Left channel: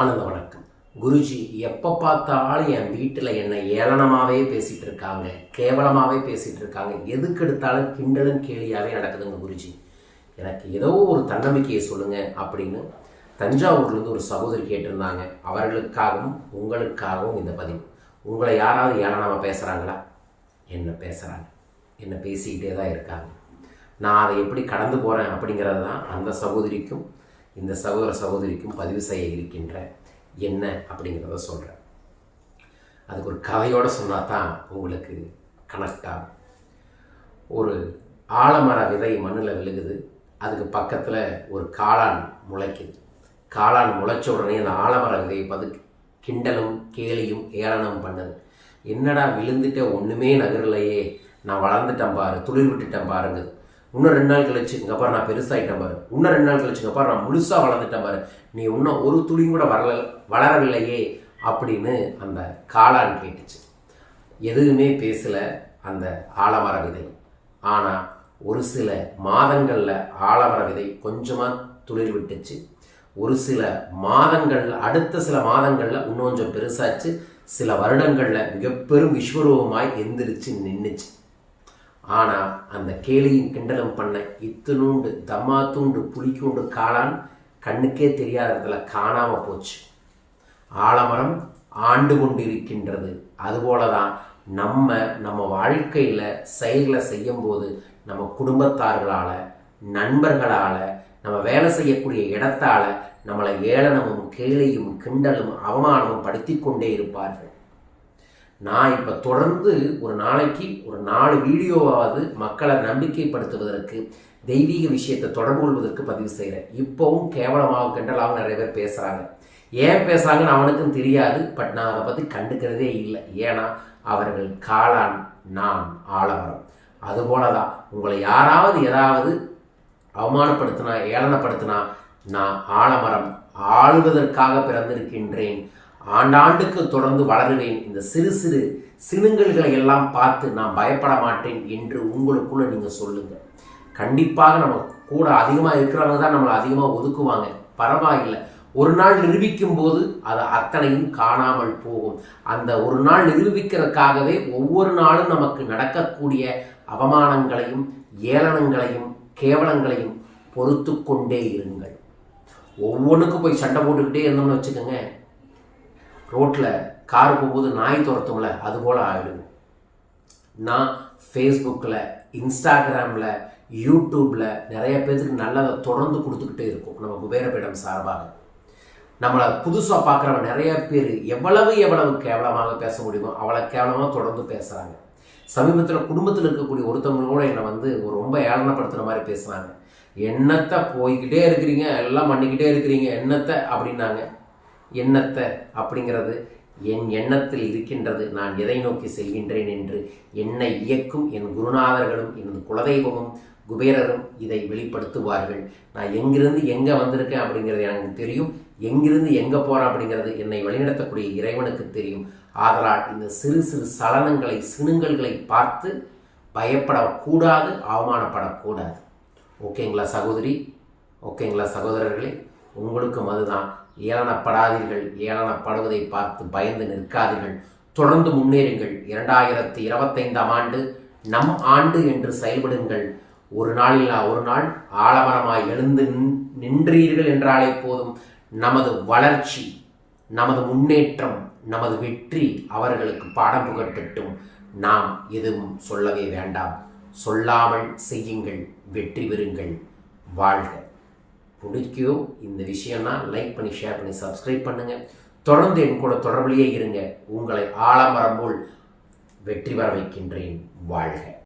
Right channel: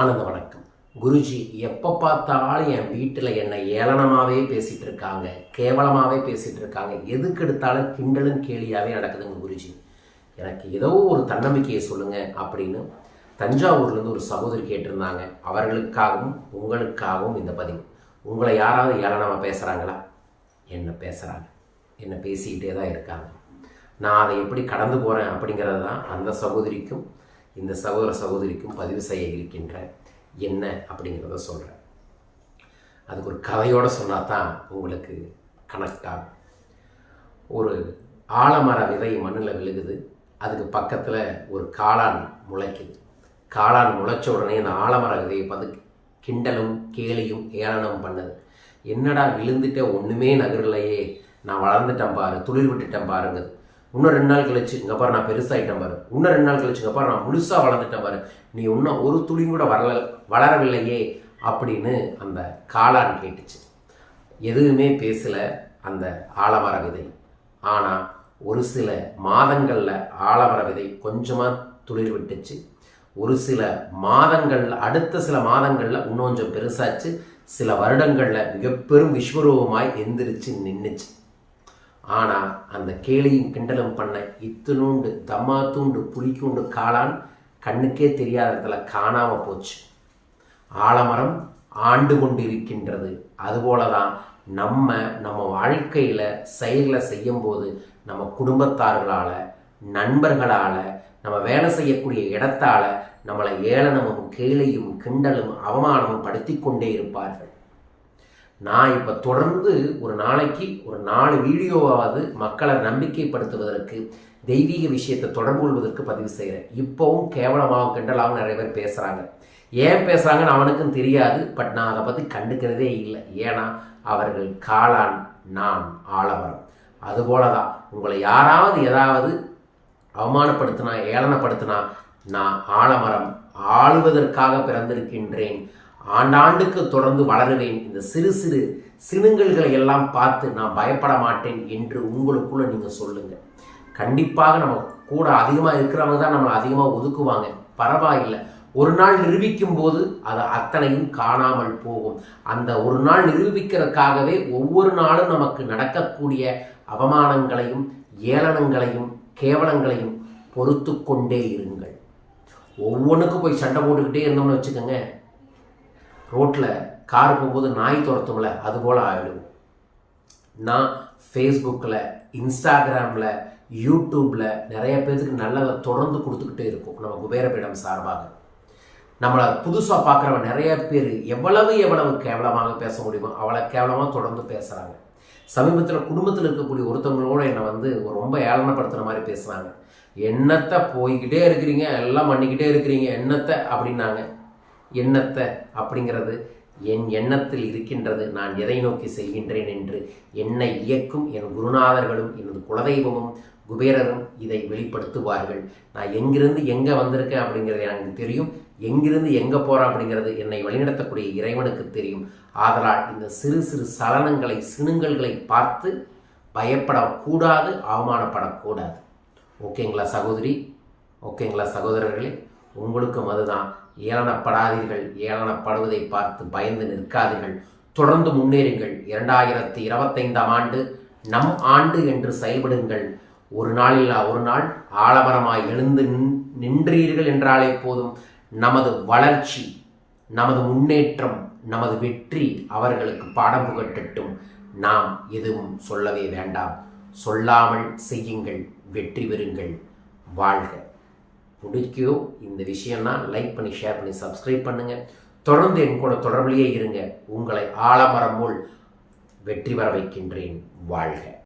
ஆனந்த வணக்கம். குருஜி எப்போ பார்த்தாலும் என் வீட்டில் என்னை ஏளனமாகவே பேசிகிட்டு இருக்காங்க. கேவலமாகவே பேசிகிட்டு இருக்காங்க. எதுக்கு எடுத்தாலும் கிண்டலும் கேலியாகவே நடக்குதுங்க குருஜி. எனக்கு ஏதோ ஒரு தன்னம்பிக்கையை சொல்லுங்கள் அப்படின்னு தஞ்சாவூர்லேருந்து ஒரு சகோதரி கேட்டிருந்தாங்க. அவர்களுக்காகவும் உங்களுக்காகவும் இந்த பதிவு. உங்களை யாராவது ஏளனமாக பேசுகிறாங்களா என்ன பேசுகிறாங்க என்ன பேசிக்கிட்டே தான் இருக்காங்க. நான் அதை எப்படி கடந்து போகிறேன் அப்படிங்கிறது தான் அந்த சகோதரிக்கும் இந்த சகோதர சகோதரிக்கும் பதிவு செய்ய இருக்கின்ற என்ன அப்படிங்கிறத சொல்கிறேன் அதுக்கு ஒரு கதையோடு சொன்னால் தான் உங்களுக்கு கனெக்ட் ஆகும். ஒரு ஆலமர விதை மண்ணில் விழுகுது. அதுக்கு பக்கத்தில் ஒரு காளான் முளைக்குது. காளான் முளைச்ச உடனே அந்த ஆலமர விதையை பார்த்து கிண்டலும் கேலியும் ஏளனம் பண்ணுது. என்னடா விழுந்துட்டே ஒன்றுமே நகரலையே. நான் வளர்ந்துட்டேன் பாரு துளிர் விட்டுட்டேன் பாருங்குது. இன்னும் ரெண்டு நாள் கழிச்சு இங்கே பாரு நான் பெருசாகிட்டேன் பாரு. இன்னும் ரெண்டு நாள் கழிச்சு இங்கே பாரு நான் முழுசாக வளர்ந்துட்டேன் பாரு. நீ இன்னும் ஒரு துளியும் கூட வரல வளரவில்லையே அப்படின்னு அந்த காளான் கேட்டுச்சு. எதுவுமே பேசலை அந்த ஆலமர விதை. ஆனால் ஒரு சில மாதங்களில் ஆலமர விதை கொஞ்சமாக துளிர் விட்டுச்சு. ஒரு சில மாதங்கள் அடுத்த சில மாதங்களில் இன்னும் கொஞ்சம் பெருசாச்சு. சில வருடங்களில் மிகப்பெரும் விஸ்வரூபமாய் எந்திரிச்சு நின்றுச்சு ஆனால் அந்த கேலியும் கிண்டலும் பண்ண இத்தினூண்டு தம்மா தூண்டு புளிக்கூண்டு காளான் கண்ணுக்கே தெரியாத இடத்துல காணாமல் போச்சு. ஆலமரம் ஆண்டு கொண்டிருக்கின்றது. அதுபோல தான் நம்ம நம்ம வாழ்க்கையில் செயல்களை செய்யும்போது நம்ம குடும்பத்தார்களால் நண்பர்களால் நம்ம வேலை செய்யக்கூடிய இடத்தால் நம்மளை ஏளனமும் கேலியும் கிண்டலும் அவமானமும் படுத்தி கொண்டே இருப்பார்கள். நான் இப்போ தொடர்ந்து ஒரு நாளைக்கு ஒரு நாலு வீடியோவாவது மக்களை நம்பிக்கைப்படுத்துவதற்கு தெய்வீக விஷயத்தை தொடர்பு கொள்வதற்கு பதிவு செய்கிறேன் இப்போவும் கேவலமாக கிண்டலாகவும் நிறைய பேர் பேசுகிறாங்க ஏன் பேசுகிறாங்கன்னு அவனுக்கும் தெரியாது பட் நான் அதை பற்றி கண்டுக்கிறதே இல்லை. ஏன்னா அவர்கள் காளான் நான் ஆலமரம். அதுபோல தான் உங்களை யாராவது ஏதாவது அவமானப்படுத்தினா ஏளனப்படுத்தினா நான் ஆலமரம் ஆளுவதற்காக பிறந்திருக்கின்றேன். ஆண்டாண்டுக்கு தொடர்ந்து வளருவேன். இந்த சிறு சிறு சினுங்கல்களை எல்லாம் பார்த்து நான் பயப்பட மாட்டேன் என்று உங்களுக்குள்ள நீங்கள் சொல்லுங்கள் கண்டிப்பாக நம்ம கூட அதிகமாக இருக்கிறவங்க தான் நம்மளை அதிகமாக ஒதுக்குவாங்க. பரவாயில்லை. ஒரு நாள் நிரூபிக்கும் போது அது அத்தனையும் காணாமல் போகும். அந்த ஒரு நாள் நிரூபிக்கிறதுக்காகவே ஒவ்வொரு நாளும் நமக்கு நடக்கக்கூடிய அவமானங்களையும் ஏளனங்களையும் கேவலங்களையும் பொறுத்து கொண்டே இருங்கள். ஒவ்வொன்றுக்கும் போய் சண்டை போட்டுக்கிட்டே இருந்தோம்னு வச்சுக்கோங்க. ரோட்டில் கார் போகும்போது நாய் துரத்தும்ல அதுபோல் ஆகிடும் நான் ஃபேஸ்புக்கில் இன்ஸ்டாகிராமில் யூடியூப்பில் நிறைய பேர்த்துக்கு நல்லதை தொடர்ந்து கொடுத்துக்கிட்டே இருக்கும். நம்ம குபேரபீடம் சார்பாக. நம்மளை புதுசாக பார்க்குறவங்க நிறைய பேர் எவ்வளவு எவ்வளவு கேவலமாக பேச முடியுமோ அவ்வளோ கேவலமாக தொடர்ந்து பேசுகிறாங்க சமீபத்தில் குடும்பத்தில் இருக்கக்கூடிய ஒருத்தவங்களோட என்னை வந்து ரொம்ப ஏளனப்படுத்துகிற மாதிரி பேசுகிறாங்க என்னத்தை போய்கிட்டே இருக்கிறீங்க? எல்லாம் பண்ணிக்கிட்டே இருக்கிறீங்க? என்னத்தை? அப்படின்னாங்க. எண்ணத்தை அப்படிங்கிறது என் எண்ணத்தில் இருக்கின்றது. நான் எதை நோக்கி செல்கின்றேன் என்று என்னை இயக்கும் என் குருநாதர்களும் எனது குலதெய்வமும் குபேரரும் இதை வெளிப்படுத்துவார்கள். நான் எங்கிருந்து எங்கே வந்திருக்கேன் அப்படிங்கிறது எனக்கு தெரியும். எங்கிருந்து எங்கே போகிறேன் அப்படிங்கிறது என்னை வழிநடத்தக்கூடிய இறைவனுக்கு தெரியும். ஆதலால் இந்த சிறு சிறு சலனங்களை சினுங்கல்களை பார்த்து பயப்படக்கூடாது அவமானப்படக்கூடாது. ஓகேங்களா சகோதரி? ஓகேங்களா சகோதரர்களே? உங்களுக்கும் அதுதான். ஏளனப்படாதீர்கள். ஏளனப்படுவதை பார்த்து பயந்து நிற்காதீர்கள். தொடர்ந்து முன்னேறுங்கள். இரண்டாயிரத்தி இருபத்தைந்தாம் ஆண்டு நம் ஆண்டு என்று செயல்படுங்கள். ஒரு நாளில்லா ஒரு நாள் ஆலமரமாய் எழுந்து நின்றீர்கள் என்றாலே போதும். நமது வளர்ச்சி நமது முன்னேற்றம் நமது வெற்றி அவர்களுக்கு பாடம் புகட்டட்டும். நாம் எதுவும் சொல்லவே வேண்டாம். சொல்லாமல் செய்யுங்கள். வெற்றி பெறுங்கள். வாழ்க. பிடிக்கும் இந்த விஷயம்னா லைக் பண்ணி ஷேர் பண்ணி சப்ஸ்கிரைப் பண்ணுங்கள் தொடர்ந்து என் கூட தொடர்பிலேயே இருங்க. உங்களை ஆலமரம் போல் வெற்றி பெற வைக்கின்றேன். வாழ்க.